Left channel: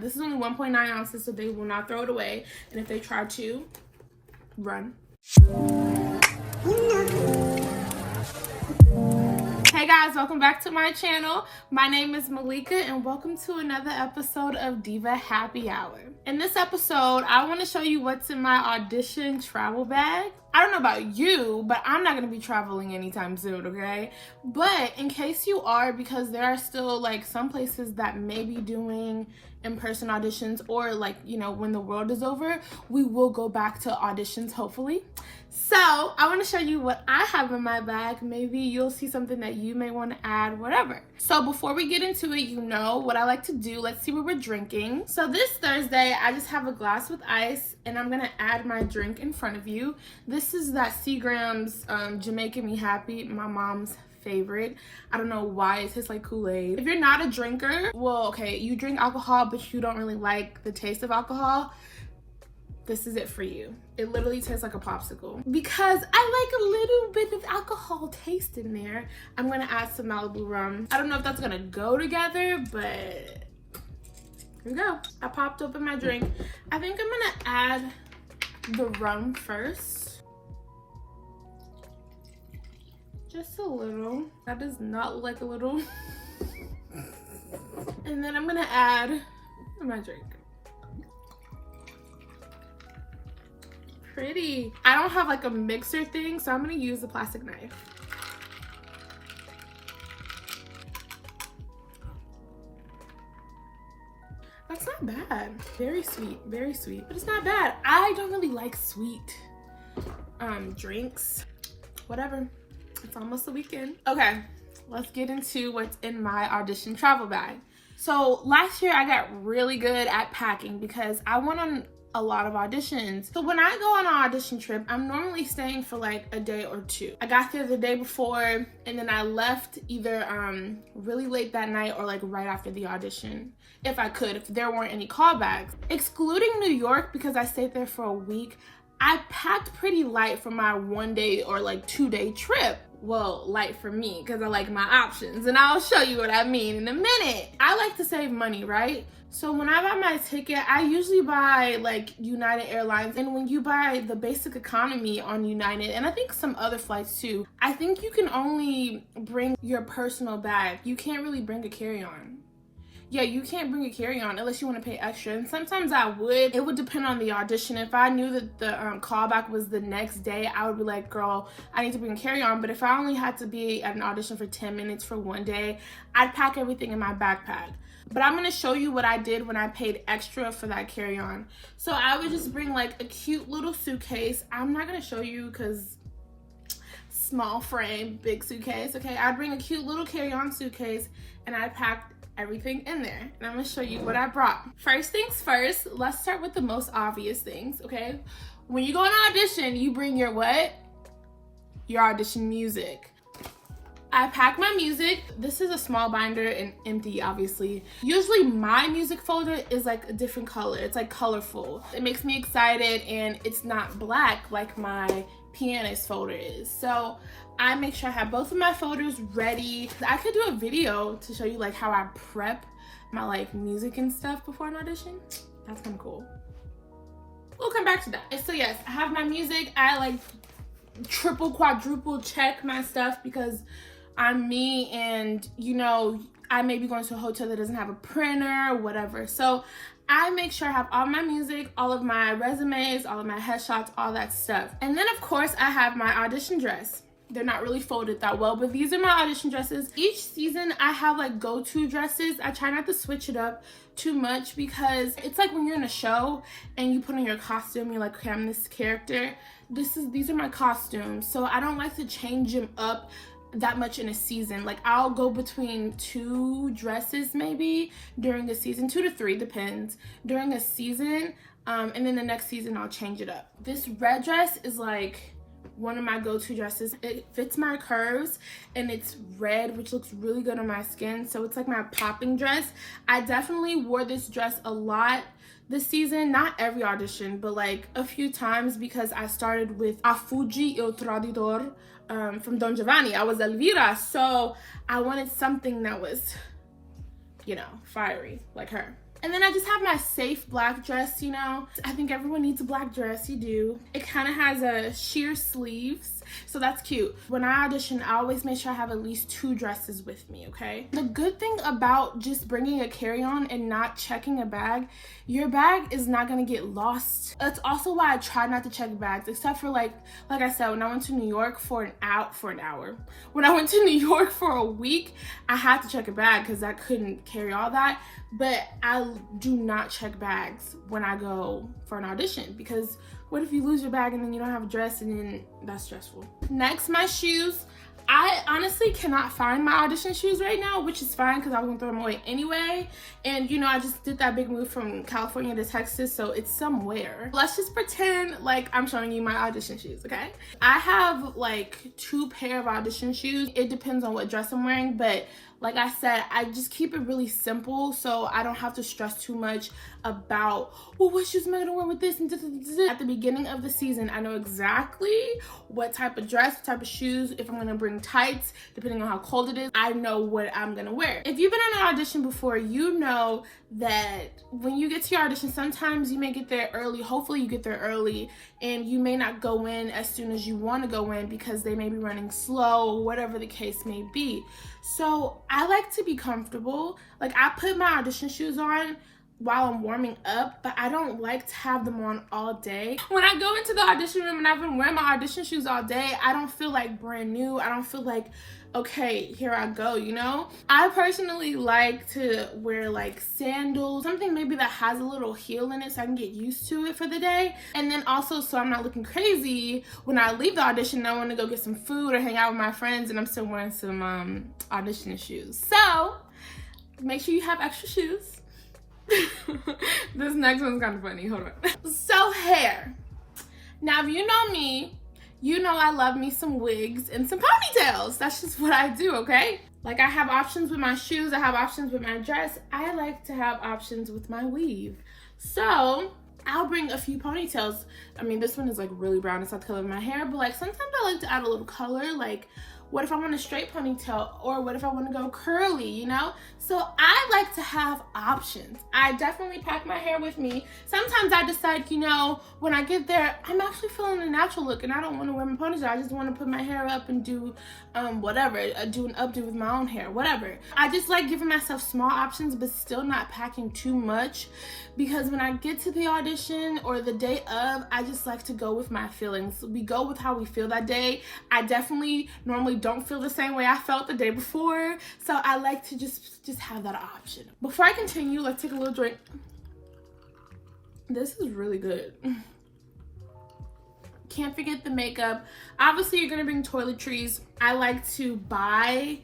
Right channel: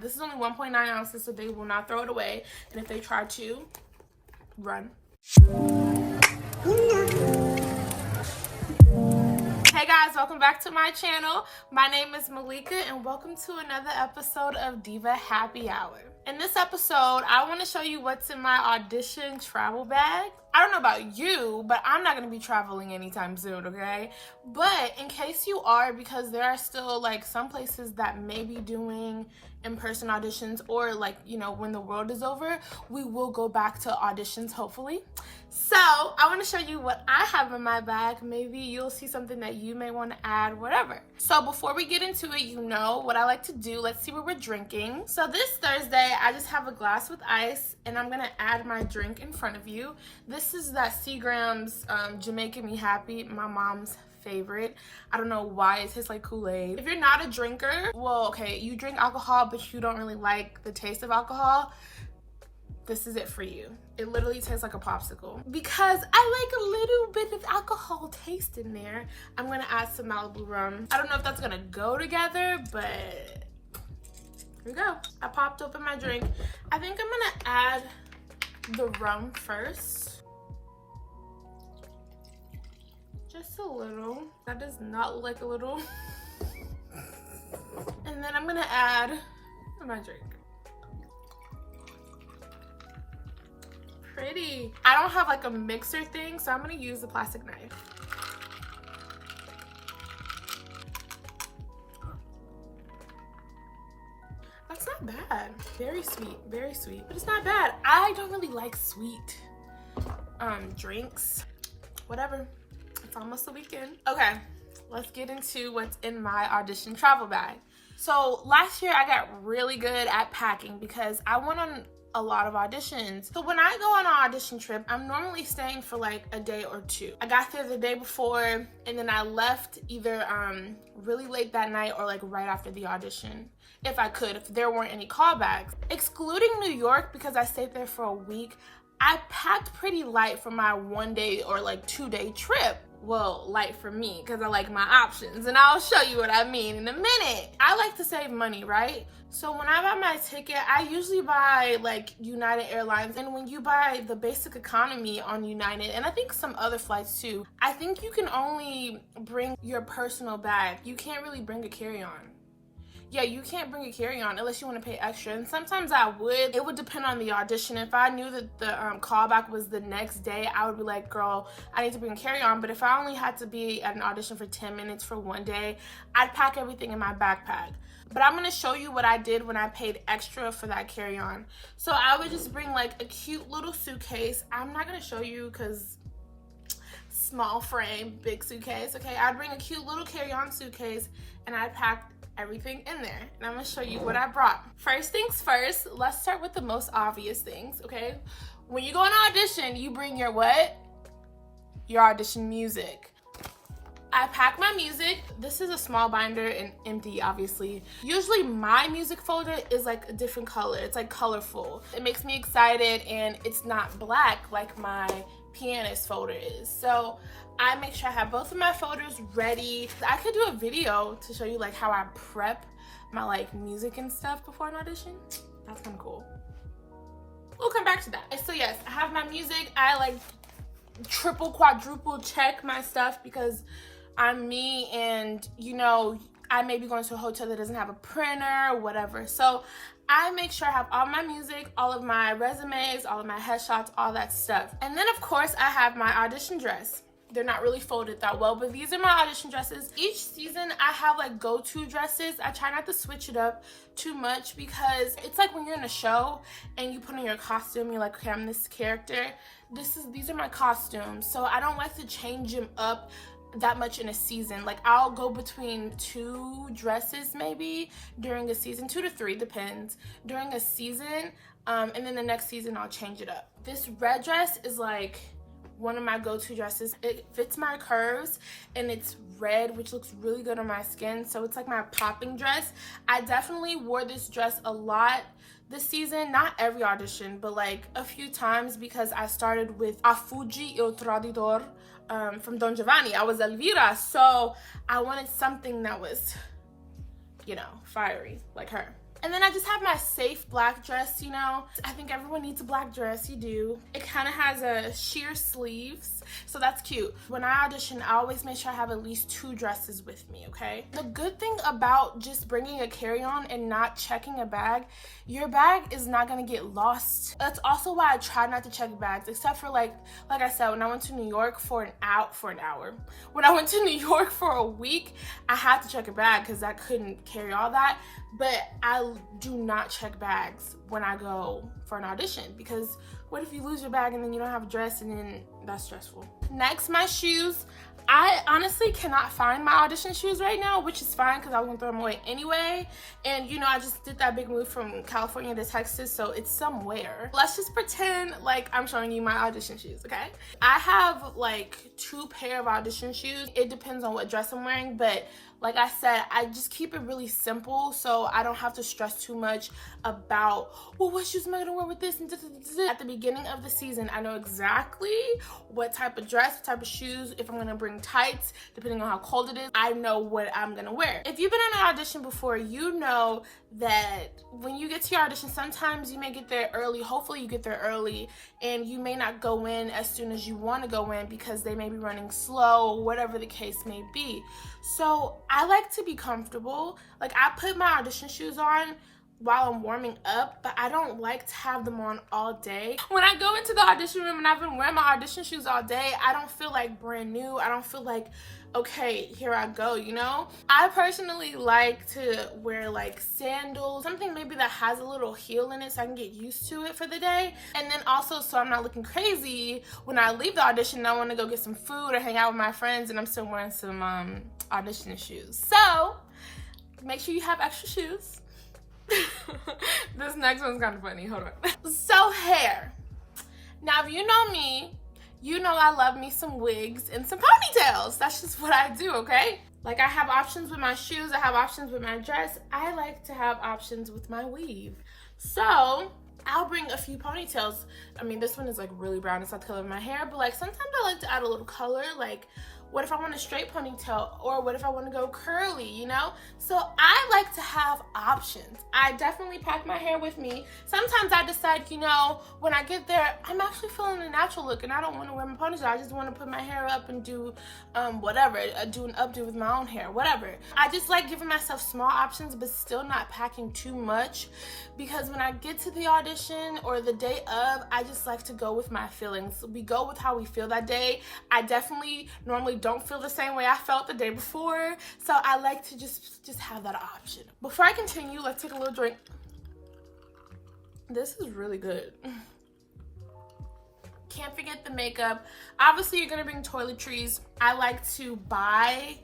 This is only 1.9 ounces, so they will not throw it away. And if they try to, run. Hey guys, welcome back to my channel. My name is Malika and welcome to another episode of Diva Happy Hour. In this episode, I want to show you what's in my audition travel bag. I don't know about you, but I'm not going to be traveling anytime soon, okay? But in case you are, because there are still like some places that may be doing in-person auditions, or like, you know, when the world is over, we will go back to auditions hopefully. So I want to show you what I have in my bag. Maybe you'll see something that you may want to add, whatever. So before we get into it, you know what I like to do. Let's see what we're drinking. So this Thursday, I just have a glass with ice and I'm going to add my drink in front of you. This is that Seagram's Jamaican Me Happy, my mom's favorite. I don't know why it tastes like Kool-Aid. If you're not a drinker, well, okay, you drink alcohol, but you don't really like the taste of alcohol, this is it for you. It literally tastes like a popsicle. Because I like a little bit of alcohol taste in there, I'm gonna add some Malibu rum. I don't know if that's gonna go together, but here we go. I popped open my drink. I think I'm gonna add the rum first. Just a little. That does not look like a little. And then I'm gonna add my drink. Pretty. I don't have like a mixer thing, so I'm gonna use the plastic knife. That's not bad. Very sweet, but it's not bad. I don't really like sweet drinks. Whatever. It's almost the weekend. Okay, let's get into what's in my audition travel bag. So last year I got really good at packing because I went on a lot of auditions. So when I go on an audition trip, I'm normally staying for like a day or two. I got there the day before and then I left either really late that night or like right after the audition, if I could, if there weren't any callbacks. Excluding New York, because I stayed there for a week, I packed pretty light for my 1 day or like 2 day trip. Well, light for me, because I like my options, and I'll show you what I mean in a minute. I like to save money, right? So when I buy my ticket, I usually buy like United Airlines, and when you buy the basic economy on United, and I think some other flights too, I think you can only bring your personal bag. You can't really bring a carry-on. Yeah, you can't bring a carry-on unless you want to pay extra. And sometimes I would. It would depend on the audition. If I knew that the callback was the next day, I would be like, girl, I need to bring a carry-on. But if I only had to be at an audition for 10 minutes for 1 day, I'd pack everything in my backpack. But I'm going to show you what I did when I paid extra for that carry-on. So I would just bring like a cute little suitcase. I'm not going to show you because small frame, big suitcase. Okay, I'd bring a cute little carry-on suitcase and I'd pack everything in there, and I'm gonna show you what I brought. First things first, let's start with the most obvious things, okay? When you go on an audition, you bring your what? Your audition music. I pack my music. This is a small binder and empty, obviously. Usually my music folder is like a different color. It's like colorful. It makes me excited and it's not black like my pianist folder is. So I make sure I have both of my folders ready. I could do a video to show you like how I prep my like music and stuff before an audition. That's kind of cool. We'll come back to that. And so yes, I have my music. I like triple, quadruple check my stuff because I'm me, and you know, I may be going to a hotel that doesn't have a printer or whatever. So I make sure I have all my music, all of my resumes, all of my headshots, all that stuff. And then of course I have my audition dress. They're not really folded that well, but these are my audition dresses. Each season I have like go-to dresses. I try not to switch it up too much because it's like when you're in a show and you put on your costume, you're like, okay, I'm this character. These are my costumes. So I don't like to change them up that much in a season. Like I'll go between 2 dresses maybe during a season, 2 to 3, depends, during a season. And then the next season I'll change it up. This red dress is like one of my go-to dresses. It fits my curves and it's red, which looks really good on my skin. So it's like my popping dress. I definitely wore this dress a lot this season, not every audition, but like a few times because I started with A Fugi Il Traditor from Don Giovanni. I was Elvira, so I wanted something that was, you know, fiery like her. And then I just have my safe black dress, you know. I think everyone needs a black dress, you do. It kind of has a sheer sleeves, so that's cute. When I audition, I always make sure I have at least 2 dresses with me, okay? The good thing about just bringing a carry-on and not checking a bag, your bag is not gonna get lost. That's also why I try not to check bags, except for like I said, when I went to New York for an hour. When I went to New York for a week, I had to check a bag because I couldn't carry all that. But I do not check bags when I go for an audition, because what if you lose your bag and then you don't have a dress, and then that's stressful. Next, my shoes. I honestly cannot find my audition shoes right now, which is fine because I was gonna throw them away anyway. And you know, I just did that big move from California to Texas, so it's somewhere. Let's just pretend like I'm showing you my audition shoes, okay? I have like 2 pair of audition shoes. It depends on what dress I'm wearing, but like I said, I just keep it really simple so I don't have to stress too much about, well, what shoes am I gonna wear with this? And at the beginning of the season, I know exactly what type of dress, what type of shoes, if I'm gonna bring tights, depending on how cold it is, I know what I'm gonna wear. If you've been in an audition before, you know that when you get to your audition, sometimes you may get there early, hopefully you get there early, and you may not go in as soon as you wanna go in because they may be running slow, or whatever the case may be. So I like to be comfortable. Like, I put my audition shoes on while I'm warming up, but I don't like to have them on all day. When I go into the audition room and I've been wearing my audition shoes all day, I don't feel like brand new. I don't feel like, okay, here I go, you know? I personally like to wear like sandals, something maybe that has a little heel in it so I can get used to it for the day. And then also, so I'm not looking crazy when I leave the audition, I want to go get some food or hang out with my friends and I'm still wearing some audition shoes. So make sure you have extra shoes. This next one's kind of funny, hold on. So hair. Now, if you know me, you know I love me some wigs and some ponytails. That's just what I do, okay? Like, I have options with my shoes, I have options with my dress. I like to have options with my weave. So I'll bring a few ponytails. I mean, this one is like really brown, it's not the color of my hair, but like sometimes I like to add a little color. Like, what if I want a straight ponytail, or what if I want to go curly, you know? So I like to have options. I definitely pack my hair with me. Sometimes I decide, you know, when I get there, I'm actually feeling a natural look and I don't want to wear my ponytail. I just want to put my hair up and do whatever, do an updo with my own hair, whatever. I just like giving myself small options, but still not packing too much, because when I get to the audition or the day of, I just like to go with my feelings. We go with how we feel that day. I definitely normally don't feel the same way I felt the day before, so I like to just have that option. Before I continue, let's take a little drink. This is really good. Can't forget the makeup. Obviously, you're gonna bring toiletries. I like to buy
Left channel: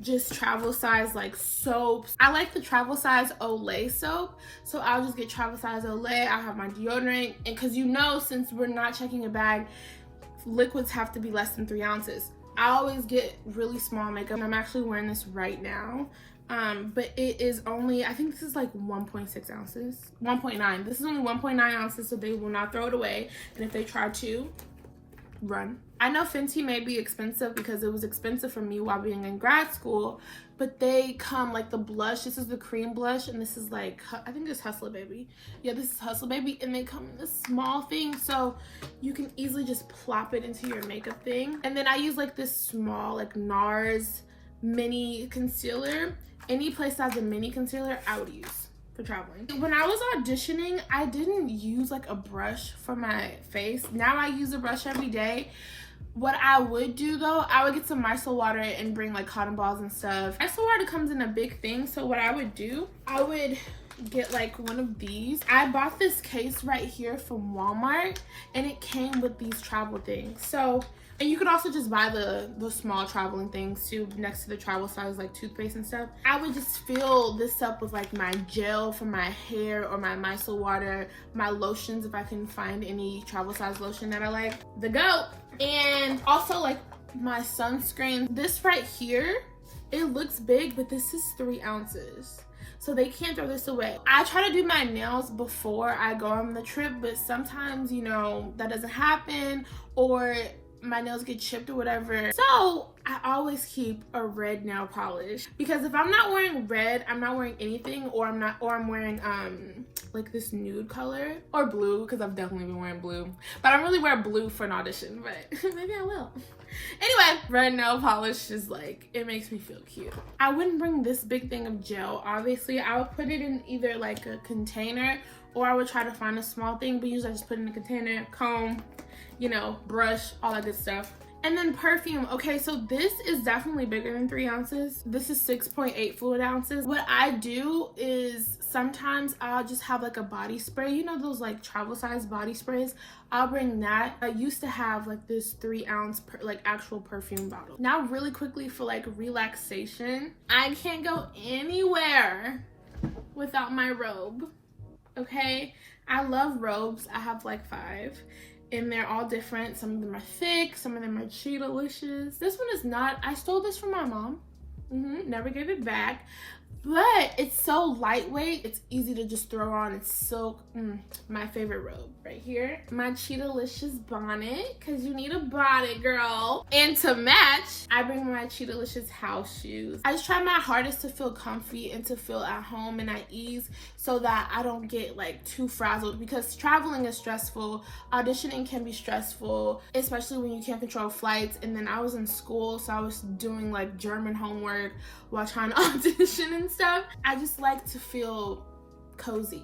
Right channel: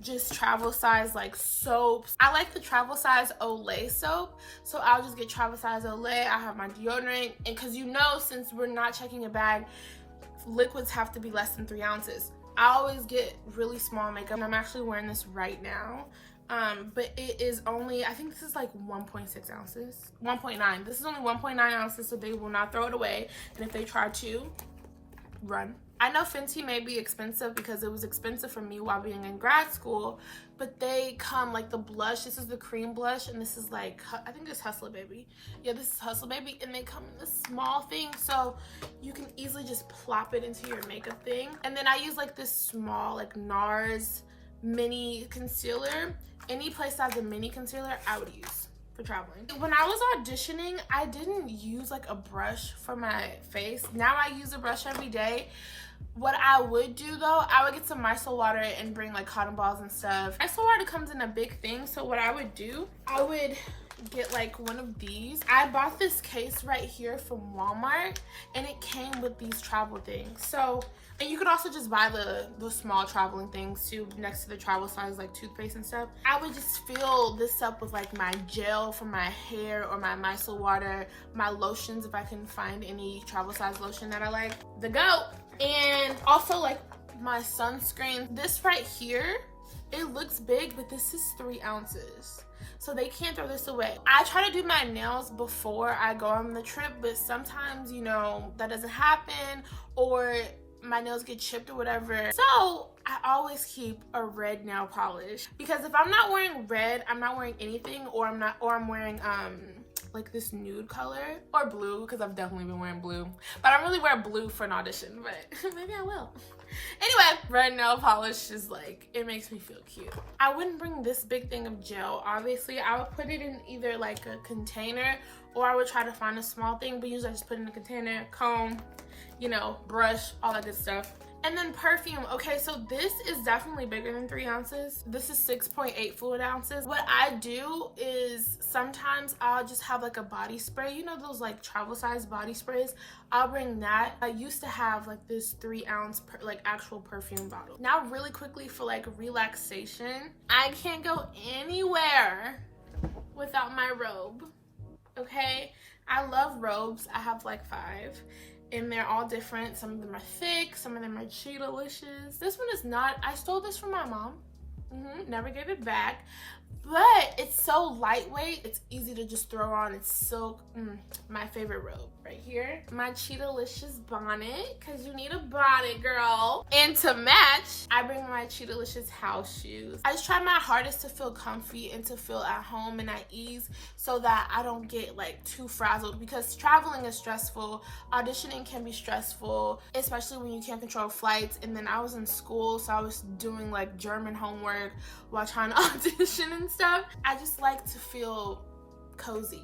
just travel size like soaps. I like the travel size Olay soap, so I'll just get travel size Olay. I have my deodorant, and because you know, since we're not checking a bag, liquids have to be less than 3 ounces. I always get really small makeup, and I'm actually wearing this right now. But it is only, I think this is like 1.6 ounces, 1.9. This is only 1.9 ounces, so they will not throw it away. And if they try to, run. I know Fenty may be expensive because it was expensive for me while being in grad school, but they come like the blush. This is the cream blush, and this is like, I think it's Hustler Baby. Yeah, this is Hustler Baby, and they come in this small thing, so you can easily just plop it into your makeup thing. And then I use like this small like NARS mini concealer. Any place that has a mini concealer, I would use for traveling. When I was auditioning, I didn't use like a brush for my face. Now I use a brush every day. What I would do though, I would get some micellar water and bring like cotton balls and stuff. Micellar water comes in a big thing, so what I would do, I would get like one of these. I bought this case right here from Walmart, and it came with these travel things. So, and you could also just buy the small traveling things too, next to the travel size like toothpaste and stuff. I would just fill this up with like my gel for my hair, or my micellar water, my lotions if I can find any travel size lotion that I like. The goat. And also like my sunscreen. This right here, it looks big, but this is 3 ounces. So they can't throw this away. I try to do my nails before I go on the trip, but sometimes, you know, that doesn't happen, or my nails get chipped or whatever. So I always keep a red nail polish, because if I'm not wearing red, I'm not wearing anything, or I'm wearing like this nude color, or blue, because I've definitely been wearing blue, but I don't really wear blue for an audition, but maybe I will. Anyway, red nail polish is like, it makes me feel cute. I wouldn't bring this big thing of gel. Obviously, I would put it in either like a container, or I would try to find a small thing, but usually I just put it in a container, comb, you know, brush, all that good stuff. And then perfume. Okay, so this is definitely bigger than 3 ounces. This is 6.8 fluid ounces. What I do is sometimes I'll just have like a body spray. You know those like travel size body sprays? I'll bring that. I used to have like this 3 ounce like actual perfume bottle. Now really quickly for like relaxation, I can't go anywhere without my robe, okay? I love robes. I have like 5. And they're all different. Some of them are thick, some of them are cheetah-licious. This one is not. I stole this from my mom. Never gave it back. But it's so lightweight, it's easy to just throw on. It's silk. My favorite robe right here. My cheetah-licious bonnet, because you need a bonnet, girl. And to match, I bring my cheetah-licious house shoes. I just try my hardest to feel comfy and to feel at home and at ease, so that I don't get like too frazzled, because traveling is stressful. Auditioning can be stressful, especially when you can't control flights. And then I was in school, so I was doing like German homework while trying to audition and stuff. I just like to feel cozy.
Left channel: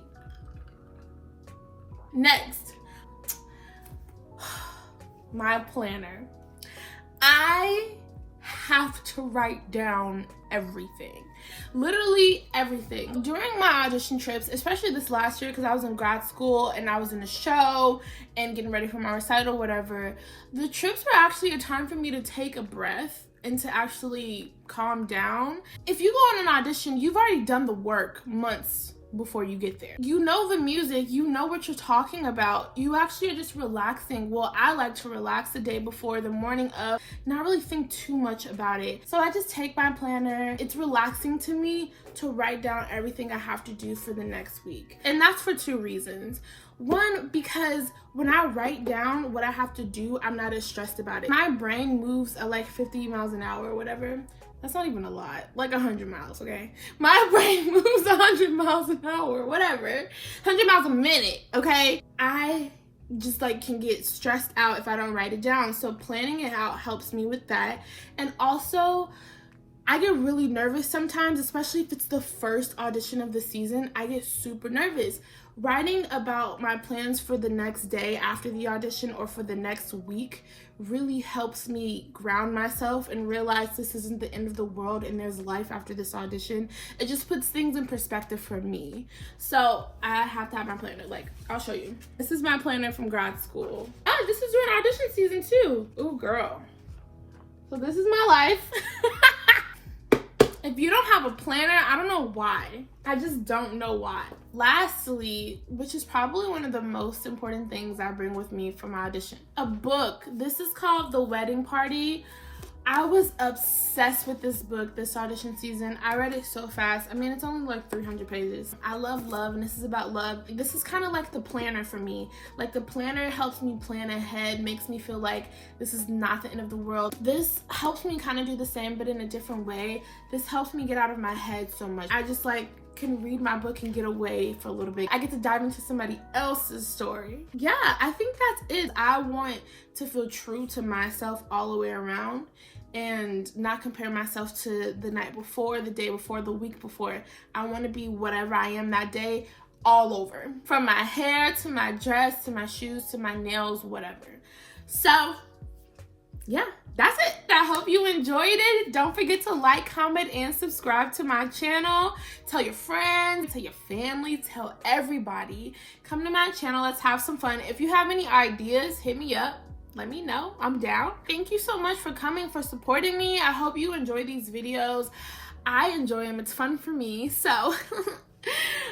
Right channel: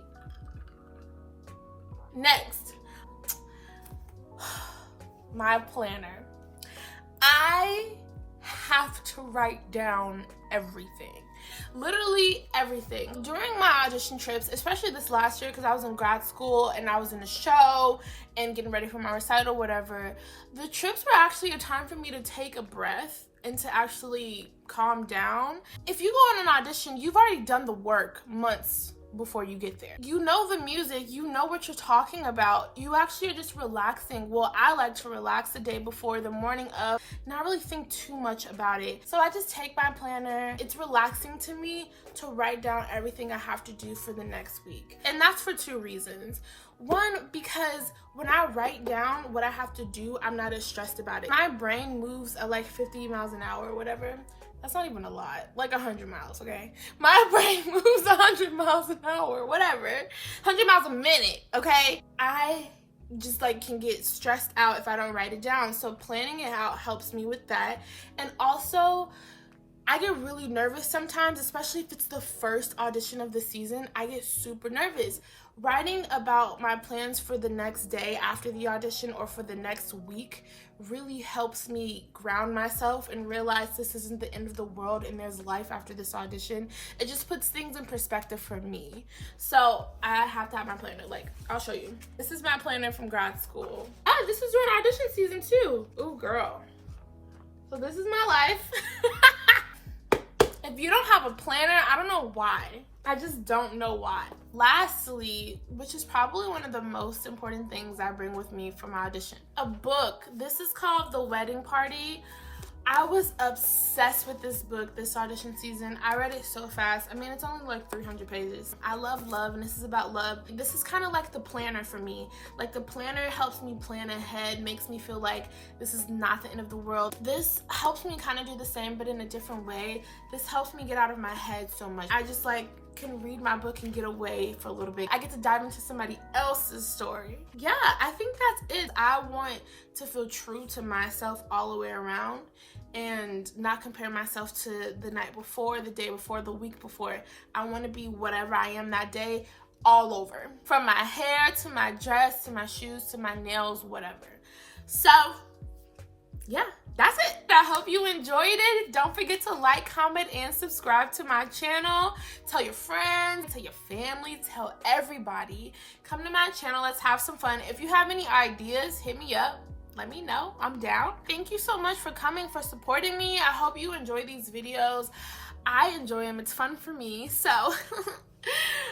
Next, my planner. I have to write down everything. Literally everything. During my audition trips, especially this last year, because I was in grad school and I was in a show and getting ready for my recital, whatever, the trips were actually a time for me to take a breath and to actually calm down. If you go on an audition, you've already done the work months before you get there. You know the music, you know what you're talking about. You actually are just relaxing. Well, I like to relax the day before, the morning of, not really think too much about it. So I just take my planner. It's relaxing to me to write down everything I have to do for the next week. And that's for 2 reasons. One, because when I write down what I have to do, I'm not as stressed about it. My brain moves at like 50 miles an hour or whatever. That's not even a lot, like 100 miles, okay? My brain moves 100 miles an hour, whatever. 100 miles a minute, okay? I just like can get stressed out if I don't write it down. So planning it out helps me with that. And also, I get really nervous sometimes, especially if it's the first audition of the season. I get super nervous. Writing about my plans for the next day after the audition or for the next week really helps me ground myself and realize this isn't the end of the world and there's life after this audition. It just puts things in perspective for me. So I have to have my planner. Like, I'll show you. This is my planner from grad school. Oh, this was during audition season too. Ooh, girl. So this is my life. If you don't have a planner, I don't know why. I just don't know why. Lastly, which is probably one of the most important things I bring with me from my audition, a book. This is called The Wedding Party. I was obsessed with this book this audition season. I read it so fast. I mean, it's only like 300 pages. I love love, and this is about love. This is kind of like the planner for me. Like, the planner helps me plan ahead, makes me feel like this is not the end of the world. This helps me kind of do the same, but in a different way. This helps me get out of my head so much. I just like can read my book and get away for a little bit. I get to dive into somebody else's story. Yeah, I think that's it. I want to feel true to myself all the way around and not compare myself to the night before, the day before, the week before. I want to be whatever I am that day, all over. From my hair to my dress to my shoes to my nails, whatever. So yeah, that's it. I hope you enjoyed it. Don't forget to like, comment, and subscribe to my channel. Tell your friends, tell your family, tell everybody. Come to my channel, let's have some fun. If you have any ideas, hit me up. Let me know, I'm down. Thank you so much for coming, for supporting me. I hope you enjoy these videos. I enjoy them, it's fun for me, so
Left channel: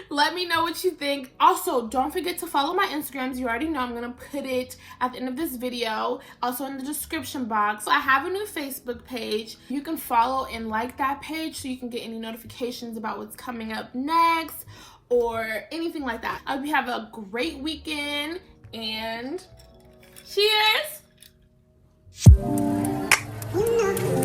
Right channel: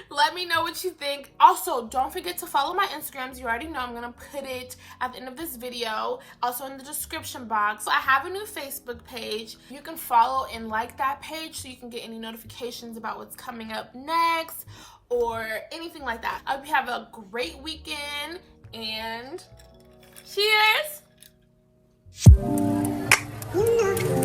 let me know what you think. Also, don't forget to follow my Instagrams. You already know I'm gonna put it at the end of this video, also in the description box. So I have a new Facebook page. You can follow and like that page so you can get any notifications about what's coming up next or anything like that. I hope you have a great weekend and cheers! You know.